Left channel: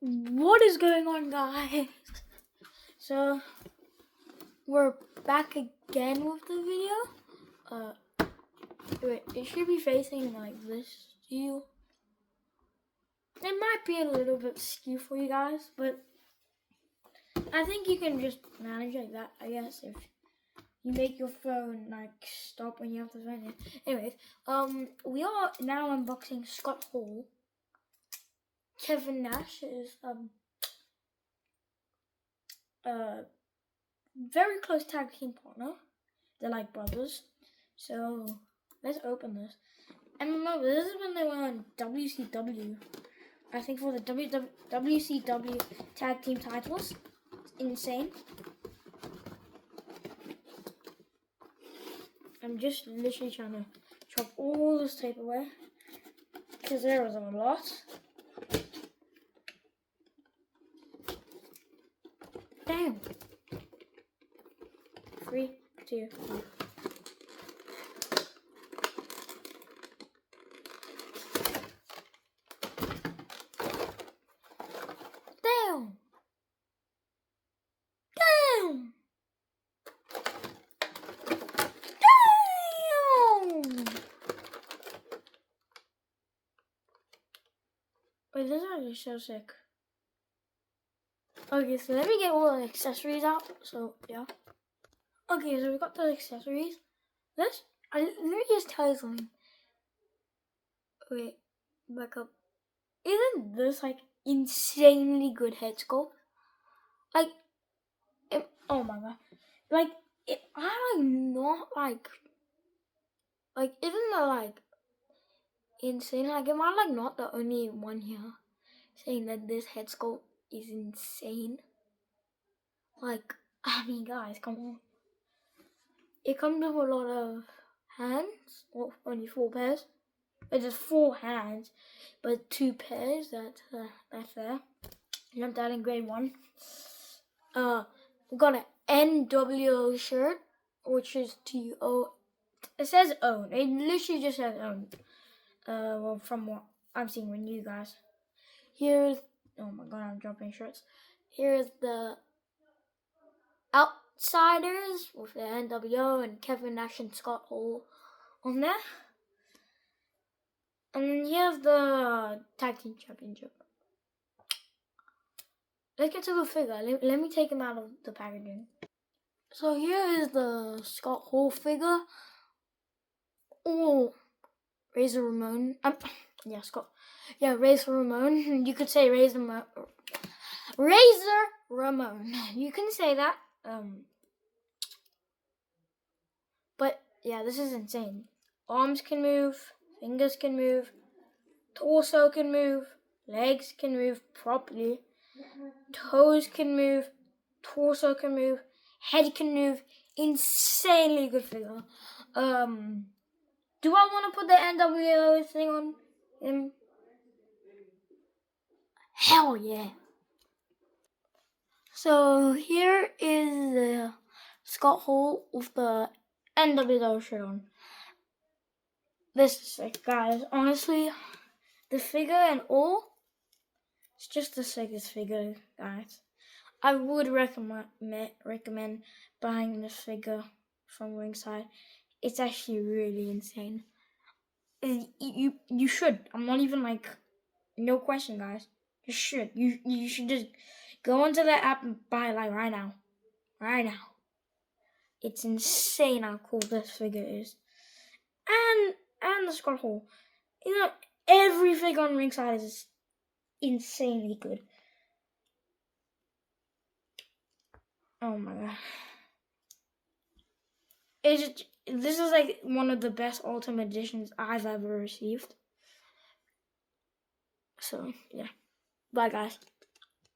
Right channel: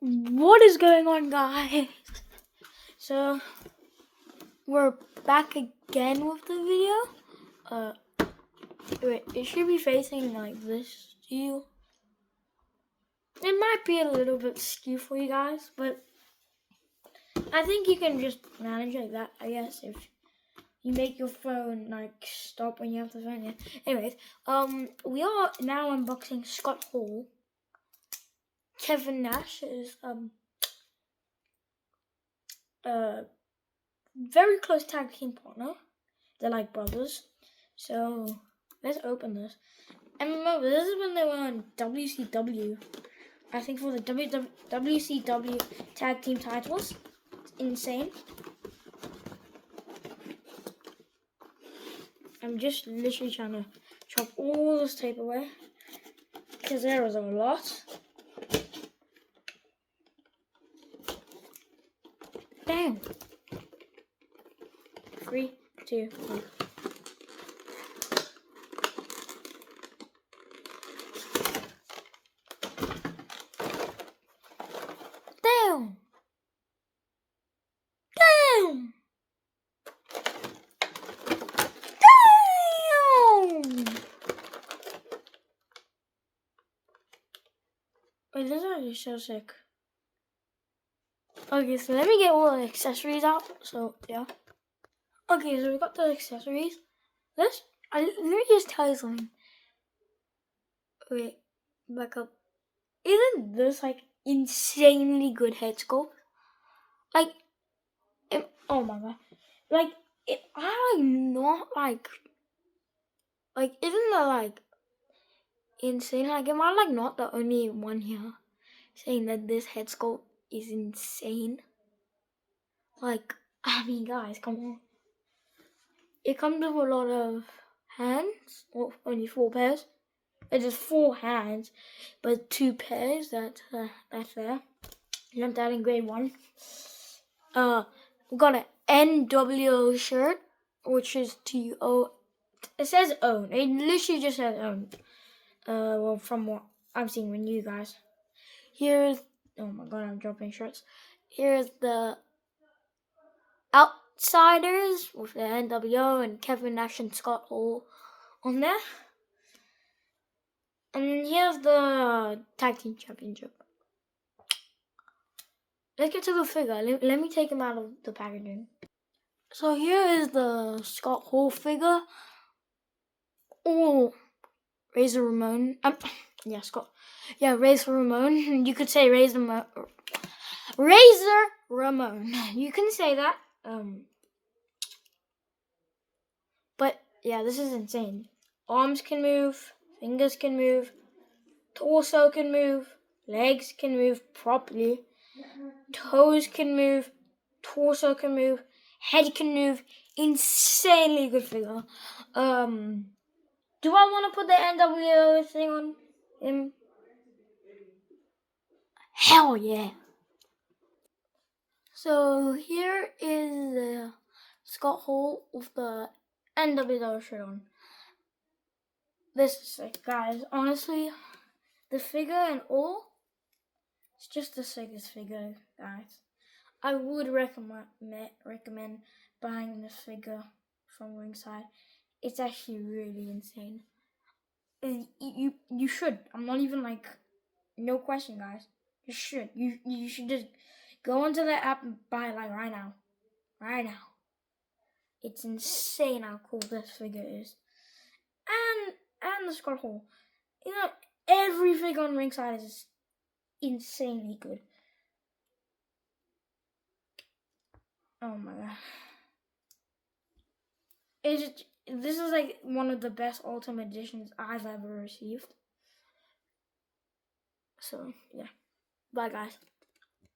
What is going on, guys? So we're back again with the video. Wait, it should be facing like this to you. It might be a little bit skew for you guys, but I think you can just manage like that, I guess, if you make your phone like stop when you have the phone in. Anyways, we are now unboxing Scott Hall, Kevin Nash's very close tag team partner. They're like brothers. So let's open this. And remember, this is when they were on WCW. I think for the WCW tag team titles. It's insane. I'm just literally trying to chop all this tape away because there was a lot. Damn. 3, 2, 1. Damn. Damn. Damn. Wait, this one is so sick. Okay, so let me get all the accessories out. So yeah. Okay, so we got the accessories. Let me just tell you something. Wait, back up. Isn't this like insanely good head sculpt? Like, oh my god. Like, I'm not like, isn't that like insane? Like, am I like not the only one here saying that this head sculpt is insane? Like, I mean, guys, come on. It comes with a lot of hands, or only 4 pairs. It is 4 hands, but 2 pairs. That's there. Learned that in grade 1. We got an NWO shirt, which is TO. It says own. It literally just says own. Well, from what I'm seeing with you guys. Here's, oh my god, I'm dropping shirts. Here's the Outsiders with the NWO and Kevin Nash and Scott Hall on there. And then here's the Tag Team Championship. Let's get to the figure. Let me take him out of the packaging. So here is the Scott Hall figure. Oh, Razor Ramon. Yeah, Scott. Yeah, Razor Ramon. You could say Razor Ramon. You can say that. But yeah, this is insane. Arms can move, fingers can move, torso can move, legs can move properly, toes can move, torso can move, head can move. Insanely good figure. Do I want to put the NWO thing on him? Hell yeah. So here is the Scott Hall with the NWO shirt on. This is sick, guys. Honestly, the figure and all, it's just the sickest figure, guys. I would recommend buying this figure from Ringside. It's actually really insane. You should. I'm not even like, no question, guys. You should. You should just go onto the app and buy it like right now. Right now. It's insane how cool this figure is. And the Scott Hall. You know, every figure on Ringside is insanely good. Oh my god. This is like one of the best Ultimate Editions I've ever received. So, yeah. Bye, guys.